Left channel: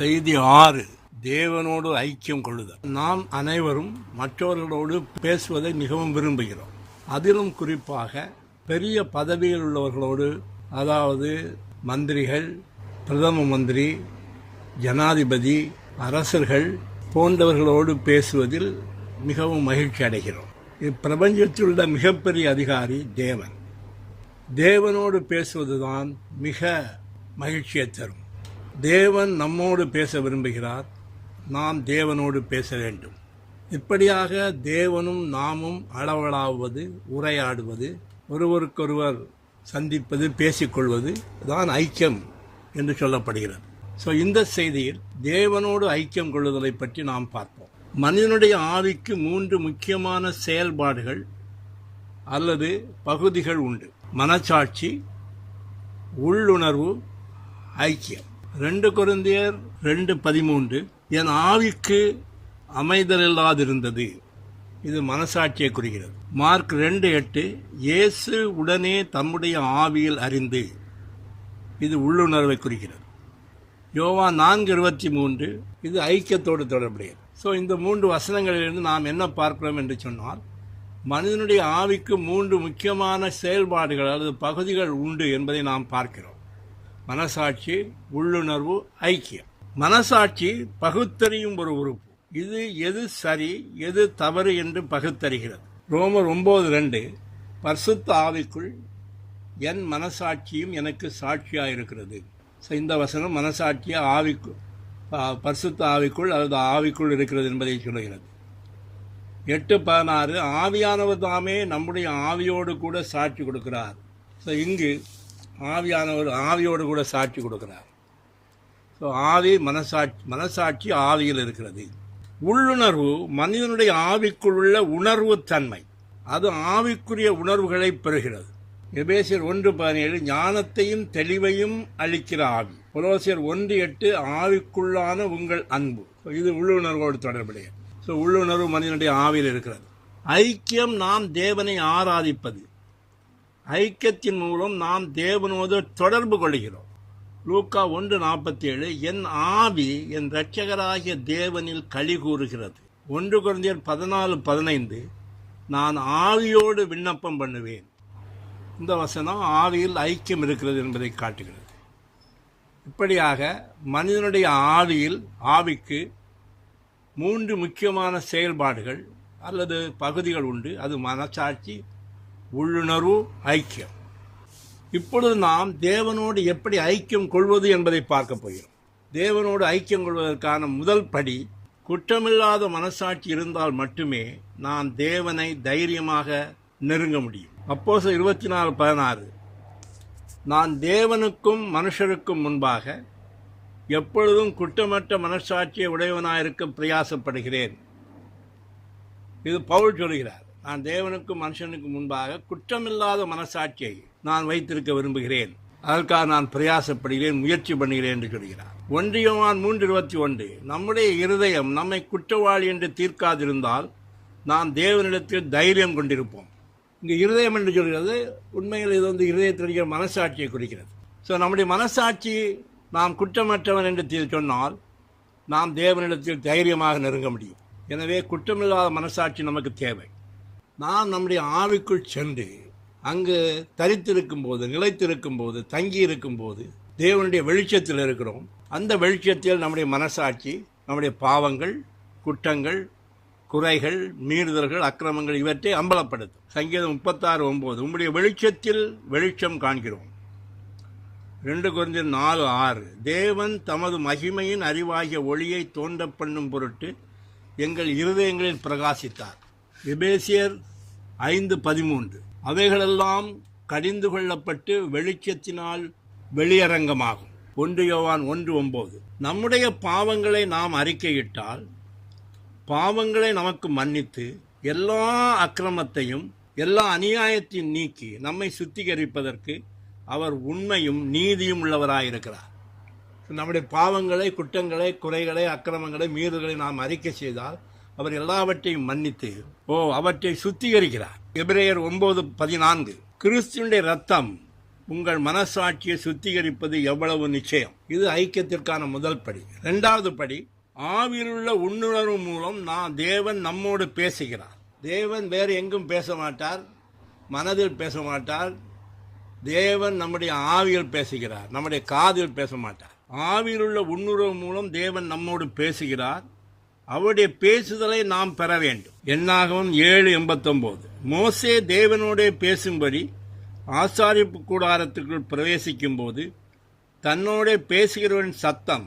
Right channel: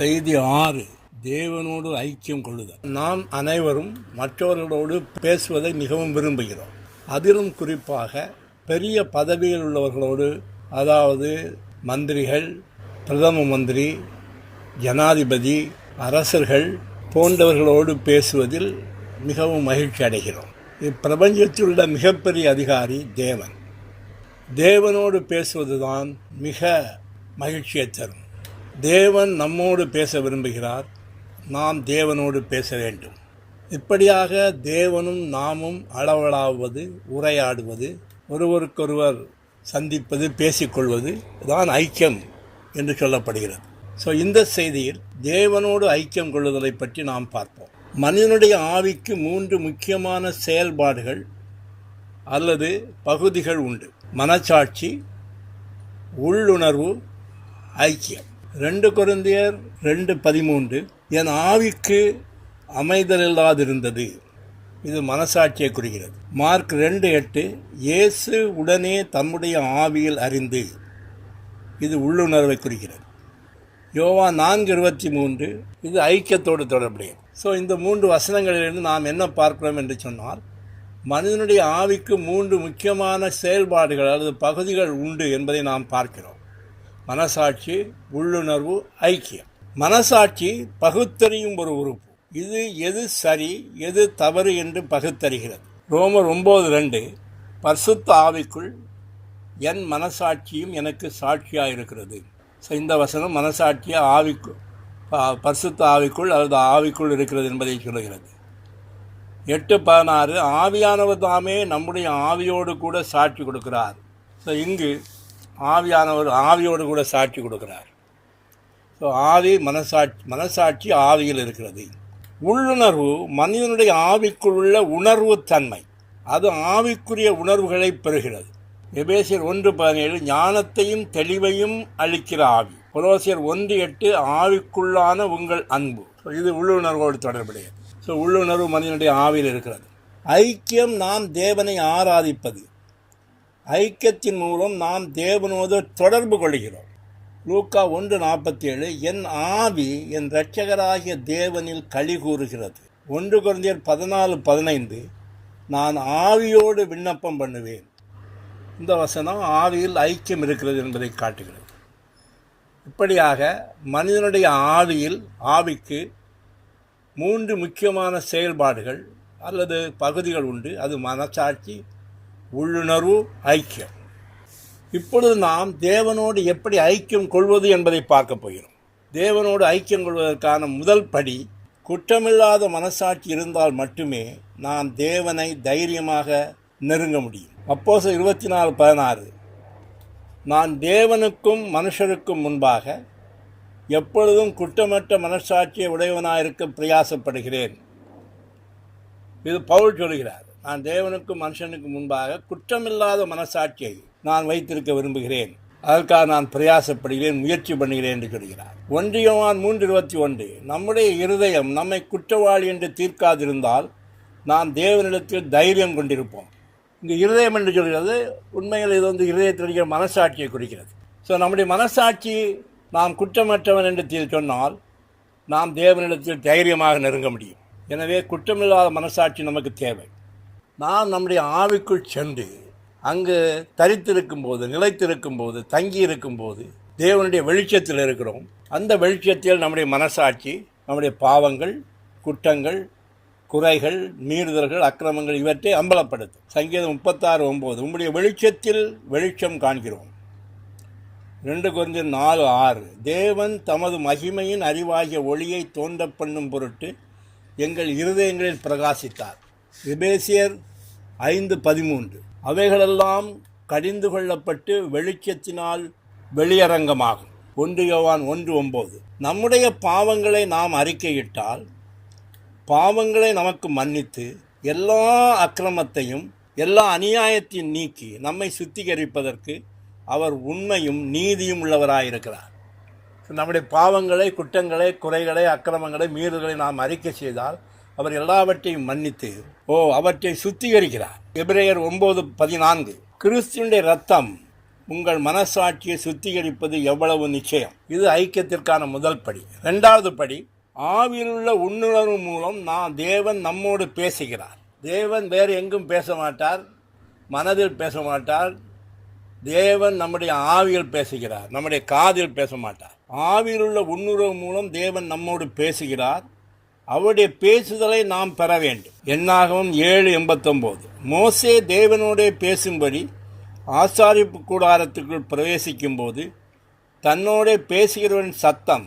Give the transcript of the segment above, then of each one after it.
செய்தி 6. தேவனோடு ஐக்கியம் கொள்ளுதல். நாம் அனைவரும் மற்றவர்களோடு பேசுவதை மிகவும் விரும்புகிறோம். அதிலும் குறிப்பாக பெரிய பதவியில் உள்ளவர்களோடு, அதாவது மந்திரிகள், பிரதம மந்திரி, ஜனாதிபதி, அரசர்கள் போன்றவர்களோடு பேசுவதில் மிகவும் மகிழ்ச்சி அடைகிறோம். இப்பிரபஞ்சத்தில் உள்ள மிகப்பெரிய அதிகாரி தேவன். தேவனோடு பேசுவதுதான் மிக மகிழ்ச்சியை தரும். தேவன் நம்மோடு பேச விரும்புகிறார். நாம் தேவனோடு பேச வேண்டும். இப்படியாக தேவனும் நாமும் அளவலாவது, உரையாடுவது, ஒருவருக்கொருவர் சந்திப்பது, பேசிக்கொள்வது தான் ஐக்கியம் என்று சொல்லப்படுகிறது. இந்த செய்தியில் தேவனோடு ஐக்கியம் கொள்ளுதலை பற்றி நாம் பார்ப்போம். மனிதனுடைய ஆவிக்கு 3 முக்கியமான செயல்பாடுகள் அல்லது பகுதிகள் உண்டு. மனச்சாட்சி, உள்ளுணர்வு, ஐக்கியம். 2 கொரிந்தியர் 2:13 என் ஆவிக்கு அமைதல் இல்லாதிருந்தது. இது மனசாட்சியை குறிக்கிறது. மார்க் 2:8 இயேசு உடனே தம்முடைய ஆவியில் அறிந்து. இது உள்ளுணர்வை குறிக்கிறது. யோவான் 4:23 இது ஐக்கியத்தோடு தொடர்புடையது. இந்த 3 வசனங்களிலிருந்து நாம் என்ன பார்க்கிறோம் என்று சொன்னால், மனிதனுடைய ஆவிக்கு 3 முக்கியமான செயல்பாடுகள் அல்லது பகுதிகள் உண்டு என்பதை நாம் பார்க்கிறோம். மனசாட்சி, உள்ளுணர்வு, ஐக்கியம். மனசாட்சி பகுத்தறியும் ஒரு உறுப்பு. இது எது சரி எது தவறு என்று பகுத்தறிகிறது. ரோமர் 9:2 பரிசுத்த ஆவிக்குள் என் மனசாட்சியும் எனக்கு சாட்சியாக இருக்கிறது. இந்த வசனம் மனசாட்சியை பரிசுத்த ஆவிக்குள் அல்லது ஆவிக்குள் இருக்கிறது என்பதை சொல்லுகிறது. 8:16 ஆவியானவர் தாமே நம்முடைய ஆவியோடு கூட சாட்சி கொடுக்கிறார். இங்கு ஆவியானவர் ஆவியோடு கூட சாட்சி கொடுக்கிறார். ஆவி மனசாட்சி ஆவியில் இருக்கிறது. உள்ளுணர்வு மனிதனுடைய ஆவிக்குள் உள்ள உணர்வு தன்மை. அது ஆவிக்குரிய உணர்வுகளை பெறுகிறது. எபேசியர் 1:17 ஞானத்தையும் தெளிவையும் அளிக்கிற ஆவி. கொலோசியர் 1:8 ஆவிக்குள்ளான உங்கள் அன்பு. இது உள்ளுணர்வோடு தொடர்புடையது. உள்ளுணர்வு மனிதனுடைய ஆவியில் இருக்கிறது. ஐக்கியம் நாம் தேவனை ஆராதிப்பது. ஐக்கியத்தின் மூலம் நாம் தேவனோடு தொடர்பு கொள்கிறோம். லூக்கா 1:47 என் ஆவி என் இரட்சகராகிய தேவனில் களி கூறுகிறது. 1 கொரிந்தியர் 14:15 நான் ஆவியோடு விண்ணப்பம் பண்ணுவேன். இந்த வசனம் ஆவியில் ஐக்கியம் இருக்கிறது என்பதை காட்டுகிறது. இப்படியாக மனிதனுடைய ஆவிக்கு 3 முக்கியமான செயல்பாடுகள் அல்லது பகுதிகள் உண்டு. அது மனசாட்சி, உள்ளுணர்வு, ஐக்கியம். இப்பொழுது நாம் தேவனோடு எப்படி ஐக்கியம் கொள்வது என்பதை பார்க்க போகிறோம். தேவனோடு ஐக்கியம் கொள்வதற்கான முதல் படி, குற்றமில்லாத மனசாட்சி இருந்தால் மட்டுமே நாம் தேவனை தைரியமாக நெருங்க முடியும். அப்போஸ்தலர் 24:16 நான் தேவனுக்கும் மனுஷருக்கும் முன்பாக எப்பொழுதும் குற்றமற்ற மனசாட்சியை உடையவனாயிருக்க பிரயாசப்படுகிறேன். இது பவுல் சொல்கிறார். நான் தேவனுக்கும் மனுஷனுக்கும் முன்பாக குற்றமில்லாத மனசாட்சியை நான் வைத்திருக்க விரும்புகிறேன். அதற்காக நான் பிரயாசப்படுகிறேன், முயற்சி பண்ணுகிறேன் என்று சொல்கிறார். 1 யோவான் 3:21 நம்முடைய இருதயம் நம்மை குற்றவாளி என்று தீர்க்காதிருந்தால் நாம் தேவனிடத்தில் தைரியம் கொண்டிருப்போம். இங்கே இருதயம் என்று சொல்கிறது. உண்மையில் இது இருதயத்தில் இருக்கிற மனசாட்சியை குறிக்கிறது. நம்முடைய மனசாட்சி நாம் குற்றமற்றவன் என்று சொன்னால் நாம் தேவனிடத்தில் தைரியமாக நெருங்க முடியும். எனவே குற்றமில்லாத மனசாட்சி நமக்கு தேவை. நாம் நம்முடைய ஆவிக்குள் சென்று அங்கு தரித்திருக்கும் போது, நிலைத்திருக்கும் போது, தங்கி இருக்கும் போது தேவனுடைய வெளிச்சத்தில் இருக்கிறோம். அந்த வெளிச்சத்தில் நம்முடைய மனசாட்சி நம்முடைய பாவங்கள், குற்றங்கள், குறைகள், மீறுதல்கள், அக்கிரமங்கள் இவற்றை அம்பலப்படுத்தும். சங்கீதம் 36:9 உம்முடைய வெளிச்சத்தில் வெளிச்சம் காண்கிறோம். 2 கொரிந்தியர் 4:6 தேவன் தமது மகிமையின் அறிவாகிய ஒளியை தோன்ற பண்ணும் பொருட்டு எங்கள் இருதயங்களில் பிரகாசித்தார். எபேசியர் 5:13 அவைகளெல்லாம் கடிந்து கொள்ளப்பட்டு வெளிச்சத்தினால் வெளியரங்கமாகும். 1 யோவான் 1:9 நம்முடைய பாவங்களை நாம் அறிக்கையிட்டால் பாவங்களை நமக்கு மன்னித்து எல்லா அக்கிரமத்தையும் எல்லா அநியாயத்தையும் நீக்கி நம்மை சுத்திகரிப்பதற்கு அவர் உண்மையும் நீதியும் உள்ளவராயிருக்கிறார். நம்முடைய பாவங்களை, குற்றங்களை, குறைகளை, அக்கிரமங்களை, மீறுதலை நாம் அறிக்கை செய்தால் அவர் எல்லாவற்றையும் மன்னித்து அவற்றை சுத்திகரிக்கிறார். எபிரேயர் 9:14 கிறிஸ்துவினுடைய இரத்தம் உங்கள் மனசாட்சியை சுத்திகரிப்பது எவ்வளவு நிச்சயம். இது ஐக்கியத்திற்கான முதல் படி. இரண்டாவது படி, ஆவியிலுள்ள உள்ளுணர்வு மூலம் தேவன் நம்மோடு பேசுகிறார். தேவன் வேறு எங்கும் பேச மாட்டார், மனதில் பேச மாட்டார். தேவன் நம்முடைய ஆவியில் பேசுகிறார், நம்முடைய காதில் பேச மாட்டார். ஆவியிலுள்ள உள்ளுணர்வு மூலம் தேவன் நம்மோடு பேசுகிறார். அவருடைய பேசுதலை நாம் பெற வேண்டும். என்னாகவும் 7:89. மோசே தேவனோடே பேசும்படி ஆசாரிப்பு கூடாரத்துக்குள் பிரவேசிக்கும் போது தன்னோடே பேசுகிறவன் சத்தம்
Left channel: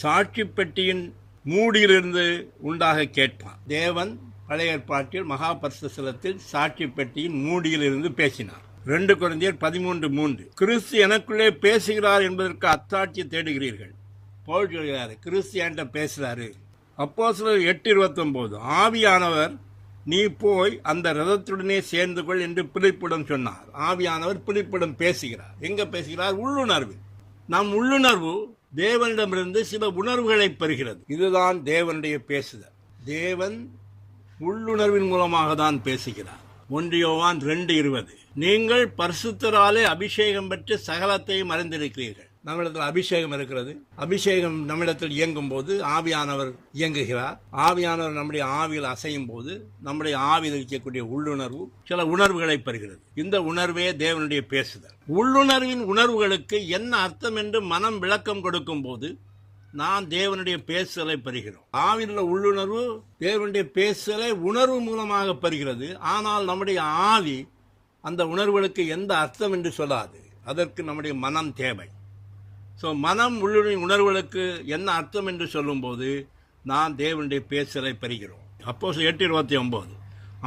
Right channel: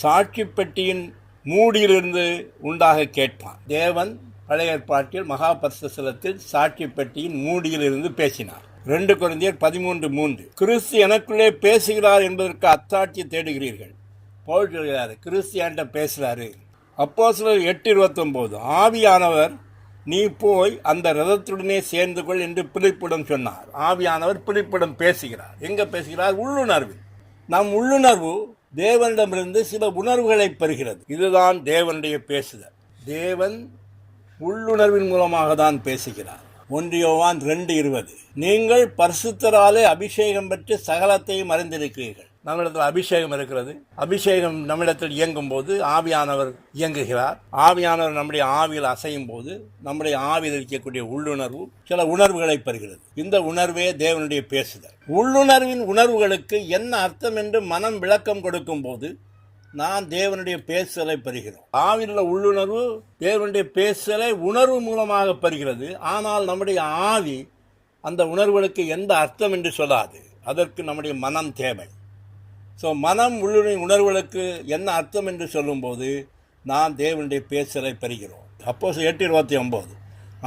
சாட்சி பெட்டியின் மூடியிலிருந்து உண்டாக கேட்பான். தேவன் பழைய ஏற்பாட்டில் மகா பரிசுத்த ஸ்தலத்தில் சாட்சி பெட்டியின் மூடியிலிருந்து பேசினார். 2 கொரிந்தியர் 13:3. கிறிஸ்து எனக்குள்ளே பேசுகிறார் என்பதற்கு அத்தாட்சி தேடுகிறீர்கள். பவுல் சொல்கிறார், கிறிஸ்து என்கிட்ட பேசுகிறாரு. அப்போஸ்தலர் 8:29. ஆவியானவர் நீ போய் அந்த ரதத்துடனே சேர்ந்து கொள் என்று பிலிப்பிடம் சொன்னார். ஆவியானவர் பிலிப்பிடம் பேசுகிறார். எங்கே பேசுகிறார்? உள்ளுணர்வில். நம் உள்ளுணர்வு தேவனிடமிருந்து சில உணர்வுகளை பெறுகிறது. இதுதான் தேவனுடைய பேசுதல். தேவன் உள்ளுணர்வின் மூலமாக தான் பேசுகிறார். 1 யோவான் 2:20. நீங்கள் பரிசுத்தராலே அபிஷேகம் பெற்று சகலத்தையும் அறிந்திருக்கிறீர்கள். நம்மிடத்தில் அபிஷேகம் இருக்கிறது. அபிஷேகம் நம்மிடத்தில் இயங்கும் போது ஆவியானவர் இயங்குகிறார். ஆவியானவர் நம்முடைய ஆவியில் அசையும் போது நம்முடைய ஆவியில் இருக்கக்கூடிய உள்ளுணர்வு சில உணர்வுகளை பெறுகிறது. இந்த உணர்வே தேவனுடைய பேசுதல். உள்ளுணர்வின் உணர்வுகளுக்கு என்ன அர்த்தம் என்று மனம் விளக்கம் கொடுக்கும் போது நாம் தேவனுடைய பேசுதலை பெறுகிறோம். ஆவியில் உள்ளுணர்வு தேவனுடைய பேசுதலை உணர்வு மூலமாக பெறுகிறது. ஆனால் நம்முடைய ஆவி அந்த உணர்வுகளுக்கு எந்த அர்த்தம் என்று சொல்லாது. அதற்கு நம்முடைய மனம் தேவை. ஸோ மனம் உள்ளுணர்வின் உணர்வுகளுக்கு என்ன அர்த்தம் என்று சொல்லும்போது நாம் தேவனுடைய பேசுதலை பெறுகிறோம். அப்போஸ்தலர் 8:29.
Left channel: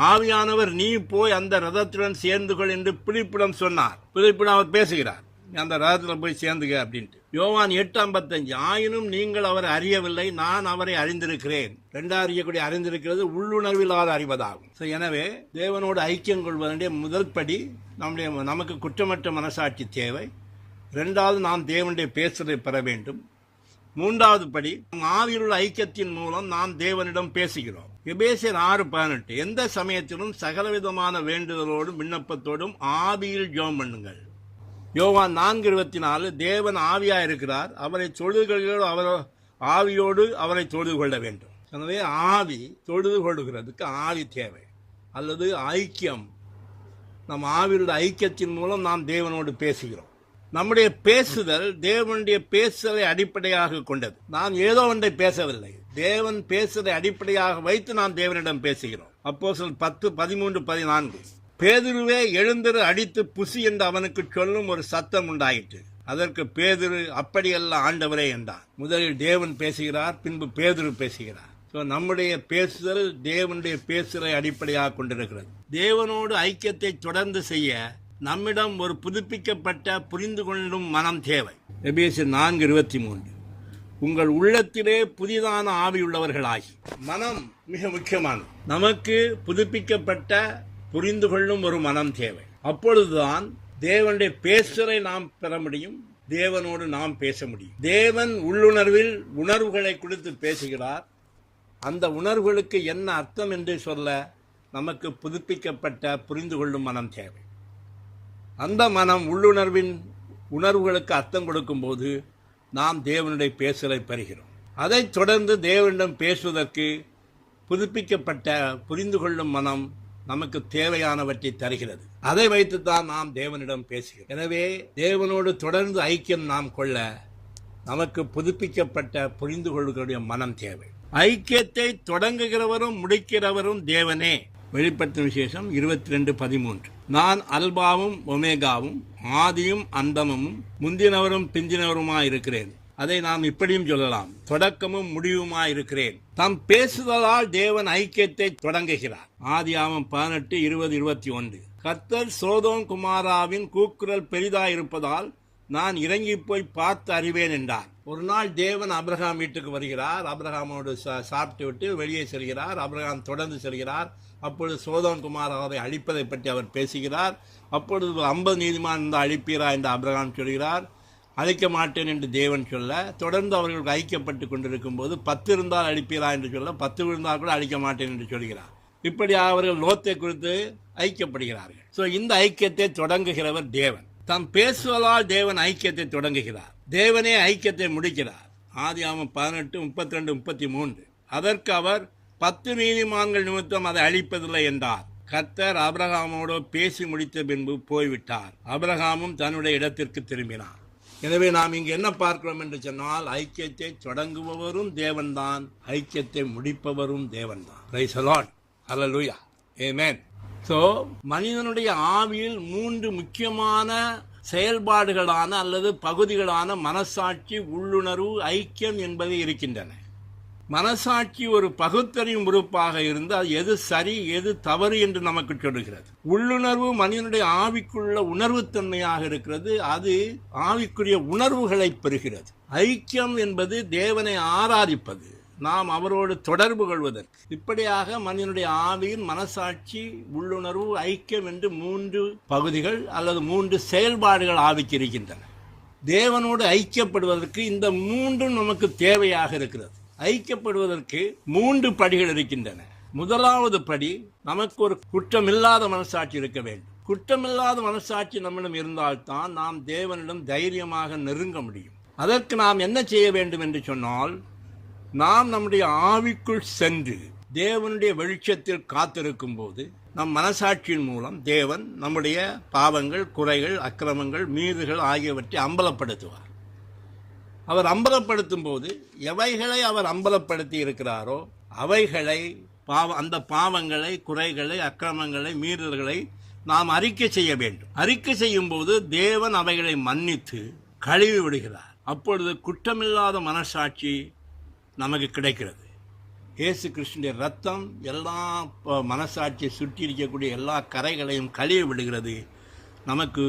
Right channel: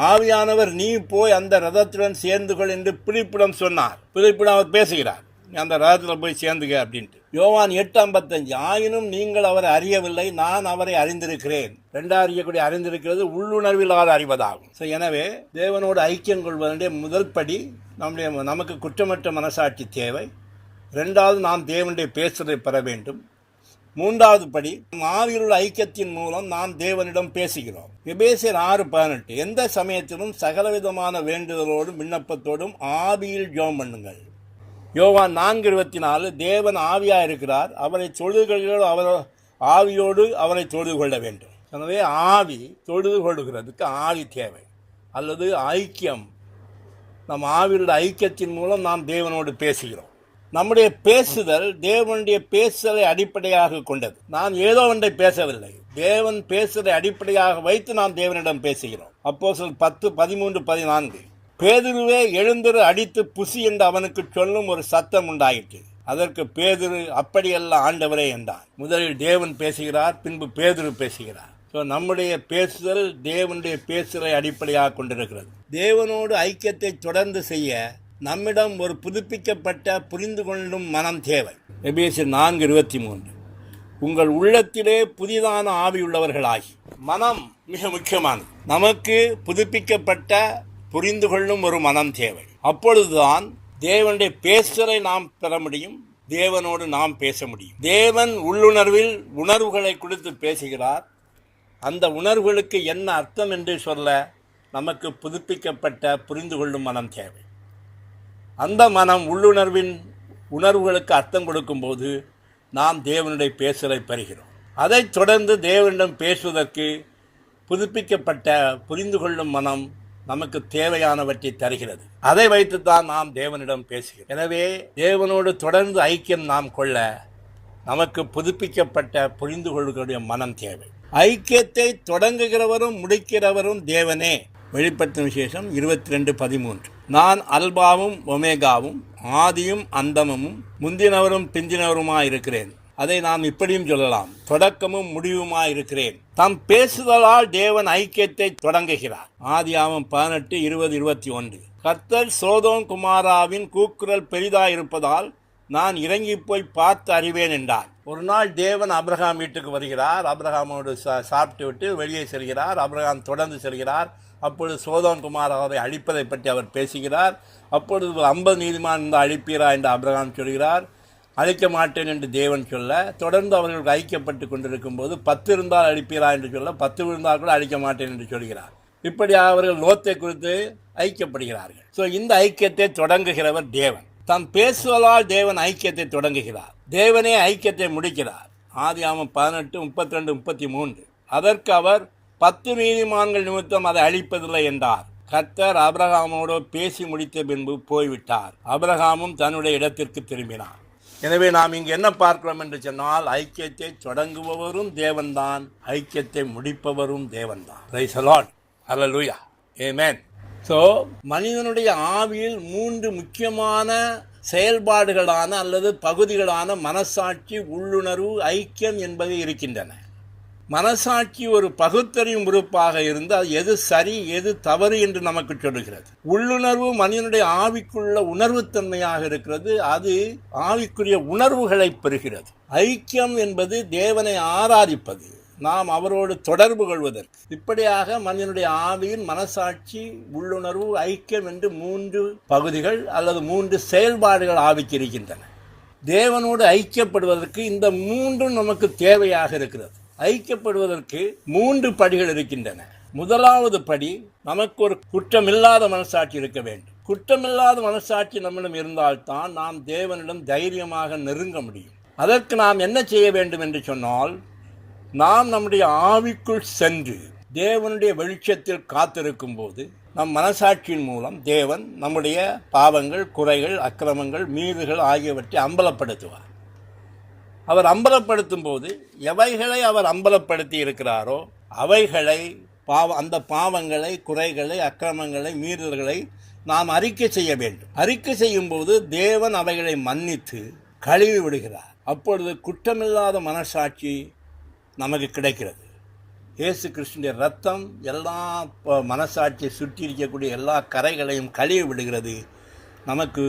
ஆவியானவர் நீ போய் அந்த ரதத்துடன் சேர்ந்து கொள் என்று பிலிப்பிடம் சொன்னார். பிலிப்பிடம் அவர் பேசுகிறார், அந்த ரதத்தில் போய் சேர்ந்துக அப்படின்ட்டு. யோவான் 8:55. ஆயினும் நீங்கள் அவரை அறியவில்லை, நான் அவரை அறிந்திருக்கிறேன். ரெண்டாவது அறியக்கூடிய அறிந்திருக்கிறது உள்ளுணர்வில்லாத அறிவதாகும். ஸோ எனவே தேவனோடு ஐக்கியம் கொள்வதனுடைய முதல் படி நமக்கு குற்றமற்ற மனசாட்சி தேவை. ரெண்டாவது நாம் தேவனுடைய பேசுதலை பெற வேண்டும். மூன்றாவது படி ஆவியிலுள்ள ஐக்கியத்தின் மூலம் நாம் தேவனிடம் பேசுகிறோம். எபேசியர் 6:18. எந்த சமயத்திலும் சகலவிதமான வேண்டுதலோடும் விண்ணப்பத்தோடும் ஆவியில் ஜெபம் பண்ணுங்கள். யோவான் 4:24. தேவன் ஆவியாக இருக்கிறார், அவரை தொழுது கொள்கிறோம், அவர் ஆவியோடு அவரை தொழுது கொள்ள வேண்டும். எனவே ஆவி தொழுது கொள்கிறதுக்கு ஆவி தேவை, அல்லது ஐக்கியம். நம் ஆவியுள்ள ஐக்கியத்தின் மூலம் நாம் தேவனோடு பேசுகிறோம். நம்முடைய பேசுதல் தேவனுடைய பேசுதலை அடிப்படையாக கொண்டது. நான் ஏதோ ஒன்றை பேசவில்லை, தேவன் பேசுதலை அடிப்படையாக வைத்து நாம் தேவனிடம் பேசுகிறோம். அப்போஸ்தலர் 10:13-14. பேதுருவே எழுந்திரு, அடித்து புசி என்று அவனுக்கு சொல்லும் ஒரு சத்தம் உண்டாயிற்று. அதற்கு பேதுரு அப்படியல்ல ஆண்டவரே என்றான். முதலில் தேவன் பேசுகிறார், பின்பு பேதுரு பேசுகிறார். ஸோ நம்முடைய பேசுதல் தேவனுடைய பேசுதலை அடிப்படையாக கொண்டிருக்கிறது. தேவனோடு ஐக்கியத்தை தொடர்ந்து செய்ய நம்மிடம் ஒரு புதுப்பிக்கப்பட்ட புரிந்து கொள்ளும் மனம் தேவை. எபேசியர் 4:23. உங்கள் உள்ளத்திலே புதிதான ஆவியுள்ளவர்களாகி. மனம் மிக முக்கியமானது. நமக்கு புதுப்பிக்கப்பட்ட புரிந்து கொள்ளும் ஒரு மனம் தேவை. அப்பொழுதுதான் தேவனுடைய பேசுதலை நாம் பெற முடியும், தேவனோடு நாம் பேச முடியும். தேவன் உள்ளுணர்வில் உணர்வுகளை கொடுத்து பேசுகிறார். அந்த உணர்வுகளுக்கு என்ன அர்த்தம் என்று சொல்ல நமக்கு புதுப்பிக்கப்பட்ட புரிந்து கொள்ளும் மனம் தேவை. அந்த மனம் உள்ளுணர்வின் உணர்வுகளுக்கு அர்த்தம் கொடுக்கும்போது நாம் தேவனுடைய பேசுதலை பெறுகிறோம். அதைத் தொடர்ந்து தேவனிடம் பேசுவதற்கு புதுப்பிக்கப்பட்ட புரிந்து கொள்ளும் மனம் நமக்கு தேவையானவற்றை தருகிறது. அதை வைத்துத்தான் நாம் தேவனிடம் பேசுகிறோம். எனவே தேவனோடு தொடர்ந்து ஐக்கியம் நாம் கொள்ள நமக்கு புதுப்பிக்கப்பட்ட புரிந்து கொள்ளக்கூடிய மனம் தேவை. ஐக்கியத்தை தொடங்குகிறவரும் முடிக்கிறவரும் தேவனே. வெளிப்படுத்தும் விசேஷம் 22:13. நான் அல்பாவும் ஒமேகாவும் ஆதியும் அந்தமும் முந்தினவரும் பிந்தினவருமாய் இருக்கிறேன். அதை நாம் இப்படியும் சொல்லலாம், தொடக்கமும் முடிவுமாய் இருக்கிறேன். தாம் பேசுதலால் தேவன் ஐக்கியத்தை தொடங்குகிறார். ஆதியாகமம் 18:20-21. கர்த்தர் சோதோம் குமாராவின் கூக்குரல் பெரிதாயிருப்பதால் நான் இறங்கி போய் பார்த்து அறிவேன் என்றார். ஒரு நாள் தேவன் ஆபிரகாம் வீட்டுக்கு வருகிறார். ஆபிரகாமோடு சாப்பிட்டு விட்டு வெளியே செல்கிறார். ஆபிரகாம் தொடர்ந்து செல்கிறார். அப்பொழுது சோதோம் குமாராவை அழிப்பதை பற்றி அவர் பேசுகிறார். அப்பொழுது 50 நீதிமான் இருந்தால் அழிப்பீரா என்று ஆபிரகாம் சொல்கிறார். அழிக்க மாட்டேன் என்று தேவன் சொல்ல, தொடர்ந்து அவர்களுக்கு ஐக்கியப்பட்டு கொண்டிருக்கும் போது 10 இருந்தால் அழிப்பீரா என்று சொல்ல, 10 இருந்தால் கூட அழிக்க மாட்டேன் என்று சொல்கிறார். இப்படி அவர்கள் லோத்தை குறித்து ஐக்கியப்படுகிறார்கள். ஸோ இந்த ஐக்கியத்தை தொடங்குகிறவர் தேவன். தான் பேசுவதால் தேவன் ஐக்கியத்தை தொடங்குகிறார், தேவனே ஐக்கியத்தை முடிக்கிறார். ஆதியாகமம் 18:32-33. அதற்கு அவர் 10 நீதிமான்கள் நிமித்தம் அதை அழிப்பதில்லை என்றார். கர்த்தர் ஆபிரகாமோடு பேசி முடித்த பின்பு போய்விட்டார். ஆபிரகாமும் தன்னுடைய இடத்திற்கு திரும்பினார். எனவே நாம் இங்கு என்ன பார்க்கிறோம் என்று சொன்னால், ஐக்கியத்தை தொடங்குபவரும் தேவன்தான், ஐக்கியத்தை முடிப்பவரும் தேவன்தான். Praise the lord. Hallelujah. Amen. So மனிதனுடைய ஆவியில் 3 முக்கியமான செயல்பாடுகளான அல்லது பகுதிகளான மனசாட்சி, உள்ளுணர்வு, ஐக்கியம் என்பது இருக்கின்றன. மனசாட்சி ஒரு பகுத்தறியும் உறுப்பாக இருந்து அது எது சரி எது தவறு என்று நமக்கு சொல்லுகிறது. உள்ளுணர்வு மனிதனுடைய ஆவிக்குள்ள உணர்வுத்தன்மையாக இருக்கிறது, அது ஆவிக்குரிய உணர்வுகளை பெறுகிறது. ஐக்கியம் என்பது தேவனை ஆராதிப்பது, நாம் அவரோடு தொடர்பு கொள்வதற்கு. இப்படியாக மனிதனுடைய ஆவியின் மனசாட்சி, உள்ளுணர்வு, ஐக்கியம் என்று 3 பகுதிகள் அல்லது 3 செயல்பாடுகள் ஆவிக்கு இருக்கின்றன. தேவனோடு ஐக்கியப்படுவதற்கு இந்த 3 நமக்கு தேவையாக இருக்கிறது. ஐக்கியப்படுவதற்கு 3 படிகள் இருக்கின்றன. முதலாவது படி, நமக்கு ஒரு குற்றமில்லாத மனசாட்சி இருக்க வேண்டும். குற்றமில்லாத மனசாட்சி நம்மிடம் இருந்தால்தான் நாம் தேவனிடம் தைரியமாக நெருங்க முடியும். அதற்கு நாம் என்ன செய்ய வேண்டும் என்று சொன்னால், நாம் நம்முடைய ஆவிக்குள் சென்று தேவனுடைய வெளிச்சத்தில் காத்திருக்கும் போது நம் மனசாட்சியின் மூலம் தேவன் நம்முடைய பாவங்கள், குறைகள், அக்கிரமங்கள், மீறுகள் ஆகியவற்றை அம்பலப்படுத்துவார். அவர் அம்பலப்படுத்தும் போது எவைகளை அவர் அம்பலப்படுத்தி இருக்கிறாரோ அவைகளை அந்த பாவங்களை, குறைகளை, அக்கிரமங்களை, மீறல்களை நாம் அறிக்கை செய்ய வேண்டும். அறிக்கை செய்யும் போது தேவன் அவைகளை மன்னித்து கழுவி விடுகிறார். அப்பொழுது குற்றமில்லாத மனசாட்சி நமக்கு கிடைக்கிறது. இயேசு கிறிஸ்துவின் இரத்தம் எல்லா மனசாட்சியை சுற்றி இருக்கக்கூடிய எல்லா கரைகளையும் கழுவி விடுகிறது. நமக்கு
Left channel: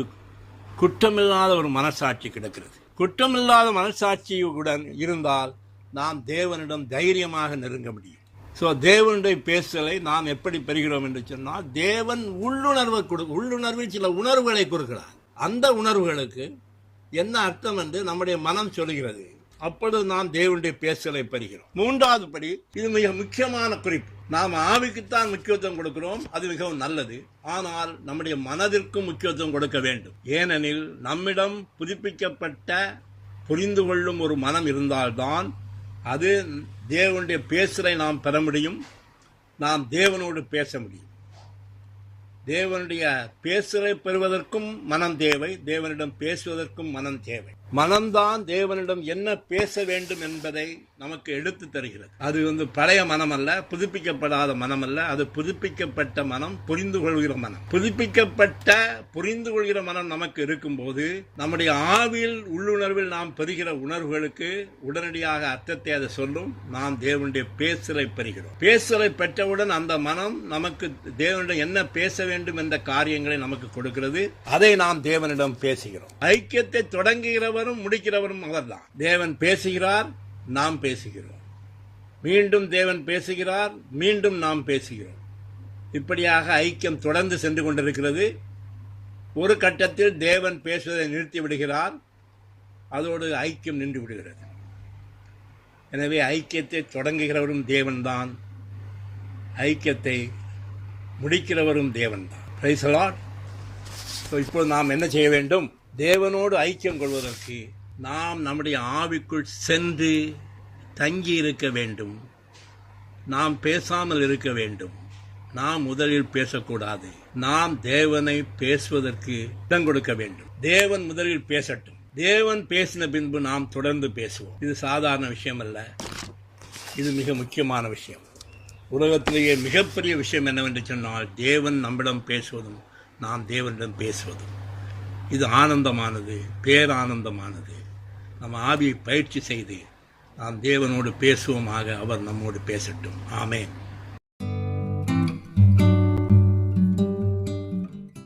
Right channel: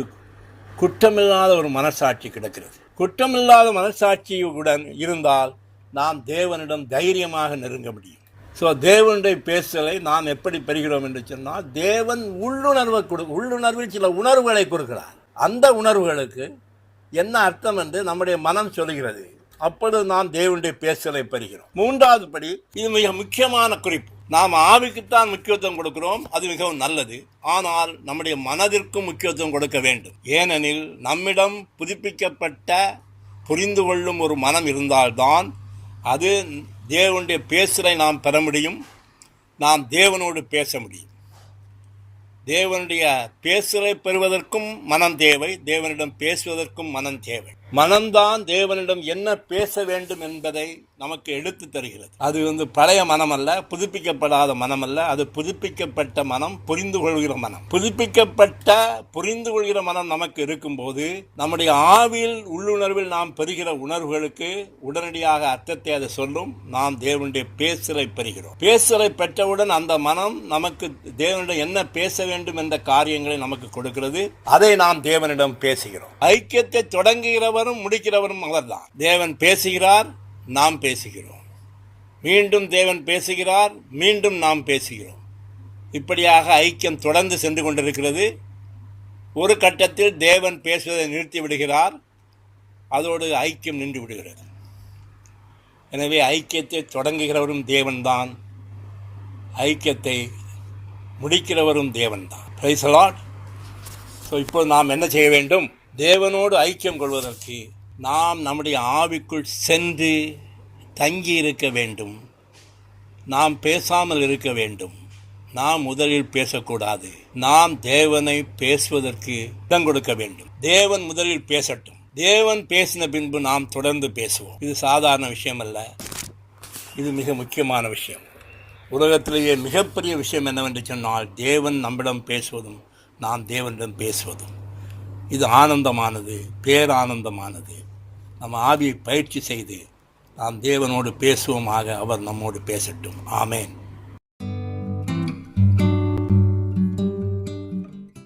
குற்றமில்லாத ஒரு மனசாட்சி கிடைக்கிறது. குற்றமில்லாத மனசாட்சியுடன் இருந்தால் நாம் தேவனிடம் தைரியமாக நெருங்க முடியும். ஸோ தேவனுடைய பேசலை நாம் எப்படி பெறுகிறோம் என்று சொன்னால், தேவன் உள்ளுணர்வில் சில உணர்வுகளை கொடுக்கிறார். அந்த உணர்வுகளுக்கு என்ன அர்த்தம் என்று நம்முடைய மனம் சொல்கிறது. அப்பொழுது நாம் தேவனுடைய பேசலை பெறுகிறோம். 3வது படி, இது மிக முக்கியமான குறிப்பு. நாம் ஆவிக்குத்தான் முக்கியத்துவம் கொடுக்கிறோம், அது மிகவும் நல்லது. ஆனால் நம்முடைய மனதிற்கும் முக்கியத்துவம் கொடுக்க வேண்டும். ஏனெனில் நம்மிடம் புதுப்பிக்கப்பட்ட புரிந்து கொள்ளும் ஒரு மனம் இருந்தால்தான் அது தேவனுடைய பேசலை நாம் பெற முடியும், நாம் தேவனோடு பேச முடியும். தேவனுடைய பேசலை பெறுவதற்கும் மனம் தேவை, தேவனிடம் பேசுவதற்கும் மனம் தேவை. மனம்தான் தேவனிடம் என்ன பேச வேண்டும் என்பதை நமக்கு எடுத்து தருகிறது. அது பழைய மனம் அல்ல, புதுப்பிக்கப்படாத மனம் அல்ல, அது புதுப்பிக்கப்பட்ட மனம், புரிந்து கொள்கிற மனம். புதுப்பிக்கப்பட்ட புரிந்து கொள்கிற மனம் நமக்கு இருக்கும்போது நம்முடைய ஆவியில், உள்ளுணர்வில் நாம் பெறுகிற உணர்வுகளுக்கு உடனடியாக அர்த்தத்தை அது சொல்லும். நாம் தேவனுடைய பேசலை பெறுகிறோம். பேசலை பெற்றவுடன் அந்த மனம் நமக்கு தேவனிடம் என்ன பேச வேண்டும் என்ற காரியங்களை நமக்கு கொடுக்கிறது. அதை நாம் தேவனிடம் பேசுகிறோம். ஐக்கியத்தை தொடங்குகிறவரும் முடிக்கிறவரும் அவர்தான். தேவன் பேசுகிறார், நாம் பேசுகிறோம். மீண்டும் தேவன் பேசுகிறார், மீண்டும் நாம் பேசுகிறோம். இப்படியாக ஐக்கியம் தொடர்ந்து சென்று கொண்டிருக்கிறது. ஒரு கட்டத்தில் தேவன் பேசுவதை நிறுத்தி விடுகிறார், அதோடு ஐக்கியம் நின்று விடுகிறது. எனவே ஐக்கியத்தை தொடங்குகிறவரும் தேவன்தான், ஐக்கியத்தை முடிக்கிறவரும் தேவன்தான். Praise the lord. ஸோ இப்போது நாம் என்ன செய்ய வேண்டும்? தேவனோடு ஐக்கியம் கொள்வதற்கு நாம் நம்முடைய ஆவிக்குள் சென்று தங்கி இருக்க வேண்டும். நாம் பேசாமல் இருக்க வேண்டும். நாம் முதலில் பேசக்கூடாது. நாம் தேவனை பேசுவதற்கு இடம் கொடுக்க வேண்டும். தேவன் முதலில் பேசட்டும். தேவன் பேசின பின்பு நாம் தொடர்ந்து பேசுவோம். இது சாதாரண விஷயம் அல்ல, இது மிக முக்கியமான விஷயம். உலகத்திலேயே மிகப்பெரிய விஷயம் என்னவென்று சொன்னால், தேவன் நம்மிடம் பேசுவதும் நாம் தேவனிடம் பேசுவதும். இது ஆனந்தமானது, பேரானந்தமானது. நம்ம ஆவியை பயிற்சி செய்து நாம் தேவனோடு பேசுவோமாக. அவர் நம்மோடு பேசட்டும். ஆமேன்.